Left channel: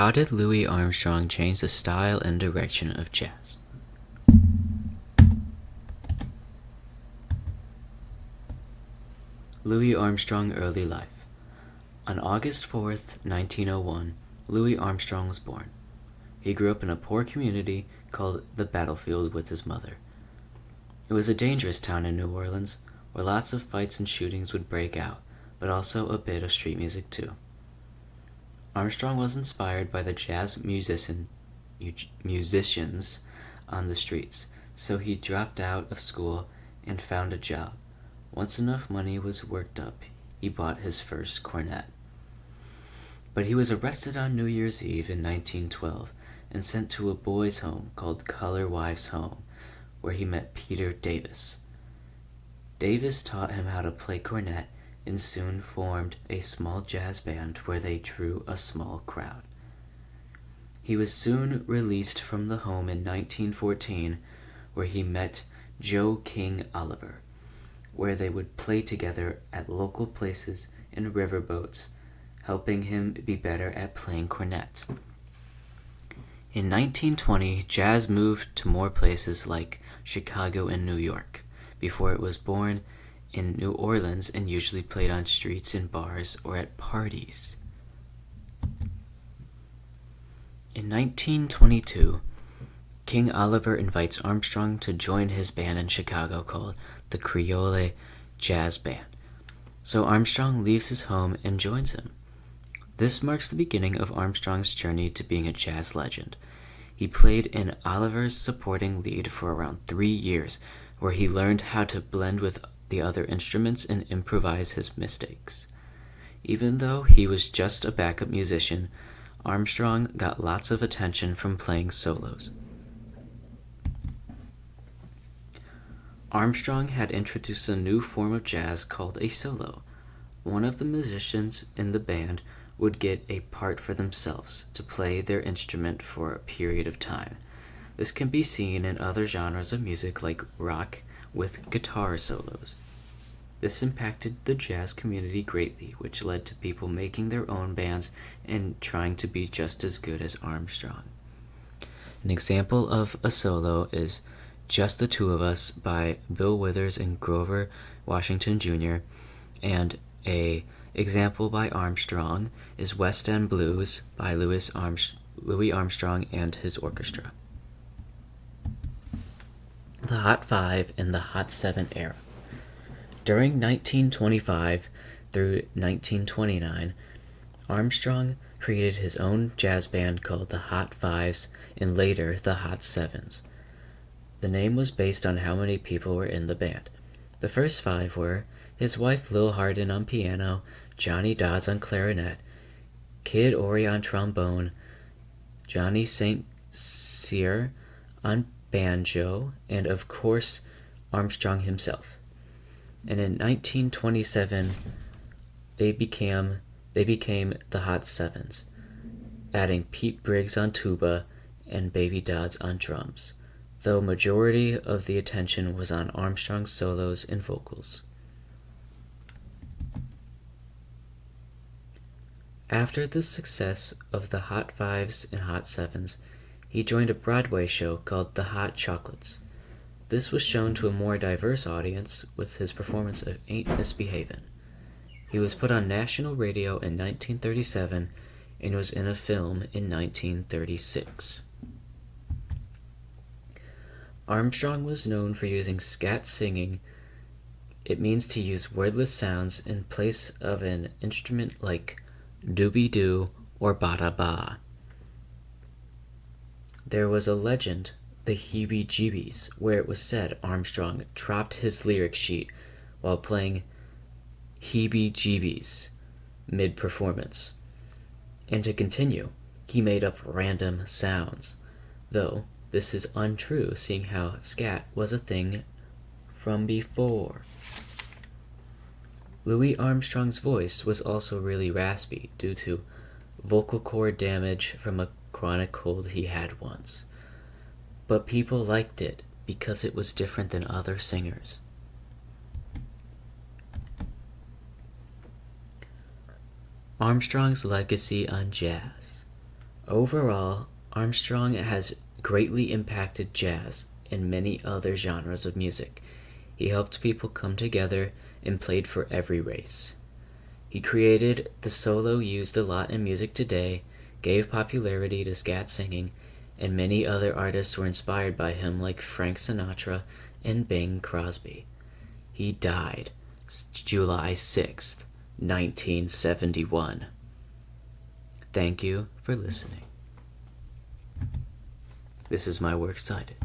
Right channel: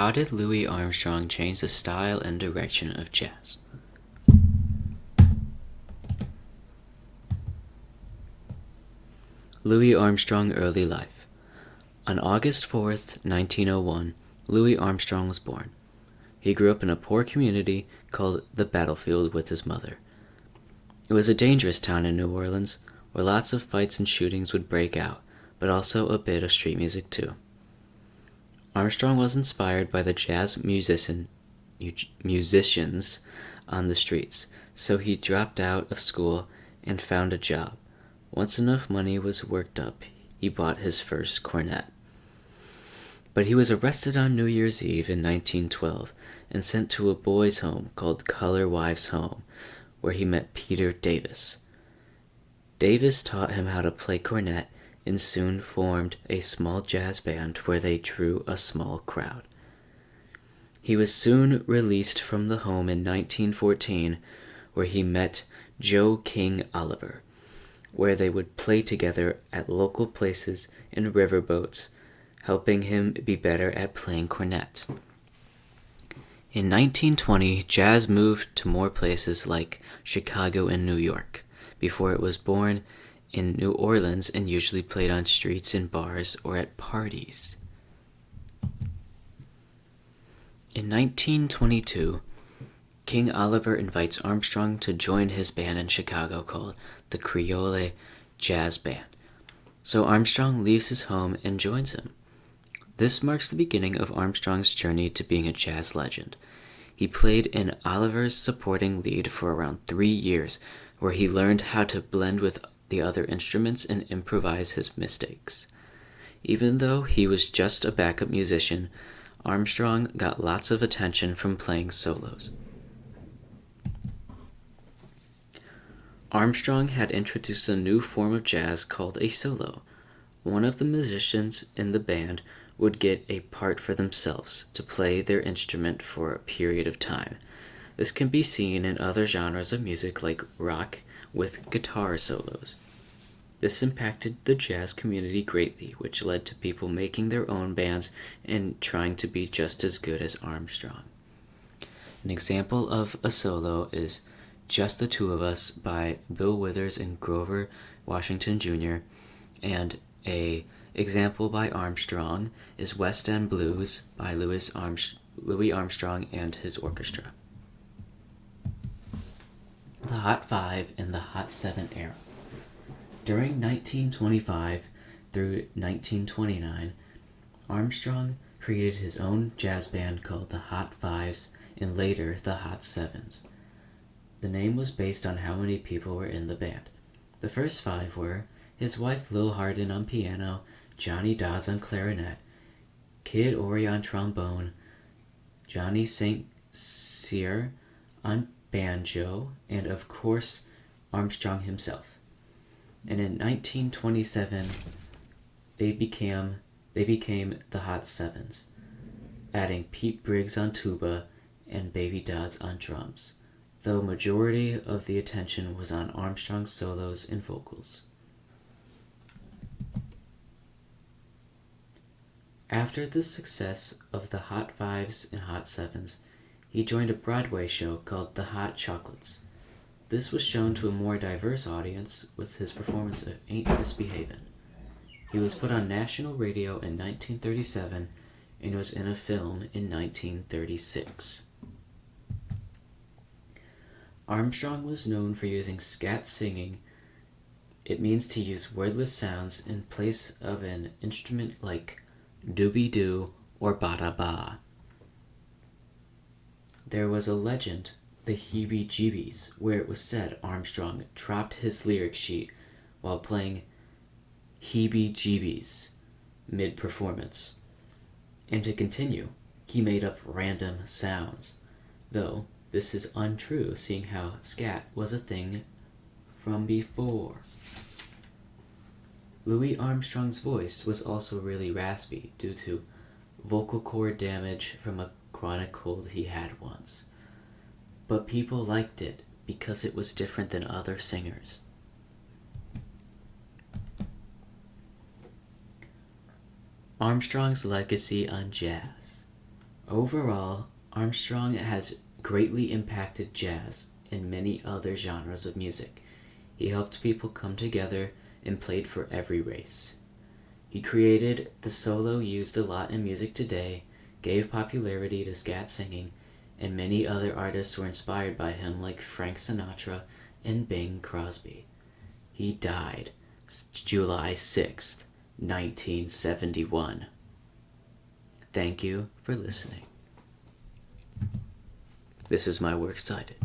How did Louis Armstrong change the style and direction of jazz? Louis Armstrong early life. On August 4th, 1901, Louis Armstrong was born. He grew up in a poor community called the Battlefield with his mother. It was a dangerous town in New Orleans, where lots of fights and shootings would break out, but also a bit of street music too. Armstrong was inspired by the jazz musicians on the streets, so he dropped out of school and found a job. Once enough money was worked up, he bought his first cornet. But he was arrested on New Year's Eve in 1912 and sent to a boys' home called Color Wives' Home, where he met Peter Davis. Davis taught him how to play cornet and soon formed a small jazz band where they drew a small crowd. He was soon released from the home in 1914, where he met Joe King Oliver, where they would play together at local places and riverboats, helping him be better at playing cornet. In 1920, jazz moved to more places like Chicago and New York. Before it was born in New Orleans and usually played on streets in bars or at parties. In 1922, King Oliver invites Armstrong to join his band in Chicago called the Creole Jazz Band. So Armstrong leaves his home and joins him. This marks the beginning of Armstrong's journey to being a jazz legend. He played in Oliver's supporting lead for around 3 years, where he learned how to blend with the other instruments and improvise his mistakes. Even though he was just a backup musician, Armstrong got lots of attention from playing solos. Armstrong had introduced a new form of jazz called a solo. One of the musicians in the band would get a part for themselves to play their instrument for a period of time. This can be seen in other genres of music like rock with guitar solos. This impacted the jazz community greatly, which led to people making their own bands and trying to be just as good as Armstrong. An example of a solo is Just the Two of Us by Bill Withers and Grover Washington Jr., and a example by Armstrong is West End Blues by Louis Armstrong and his orchestra. The Hot Five and the Hot Seven era. During 1925 through 1929, Armstrong created his own jazz band called the Hot Fives and later the Hot Sevens. The name was based on how many people were in the band. The first five were his wife Lil Hardin on piano, Johnny Dodds on clarinet, Kid Ory on trombone, Johnny St. Cyr on banjo, and of course Armstrong himself. And in 1927 they became the Hot Sevens, adding Pete Briggs on tuba and Baby Dodds on drums, though majority of the attention was on Armstrong's solos and vocals. After the success of the Hot Fives and Hot Sevens, he joined a Broadway show called The Hot Chocolates. This was shown to a more diverse audience with his performance of Ain't Misbehavin'. He was put on national radio in 1937 and was in a film in 1936. Armstrong was known for using scat singing. It means to use wordless sounds in place of an instrument like doobie-doo or ba-da-ba. There was a legend, the heebie-jeebies, where it was said Armstrong dropped his lyric sheet while playing heebie-jeebies mid-performance. And to continue, he made up random sounds, though this is untrue seeing how scat was a thing from before. Louis Armstrong's voice was also really raspy due to vocal cord damage from a chronic cold he had once. But people liked it because it was different than other singers. Armstrong's legacy on jazz. Overall, Armstrong has greatly impacted jazz and many other genres of music. He helped people come together and played for every race. He created the solo used a lot in music today, gave popularity to scat singing, and many other artists were inspired by him like Frank Sinatra and Bing Crosby. He died July 6th, 1971. Thank you for listening. This is my works cited.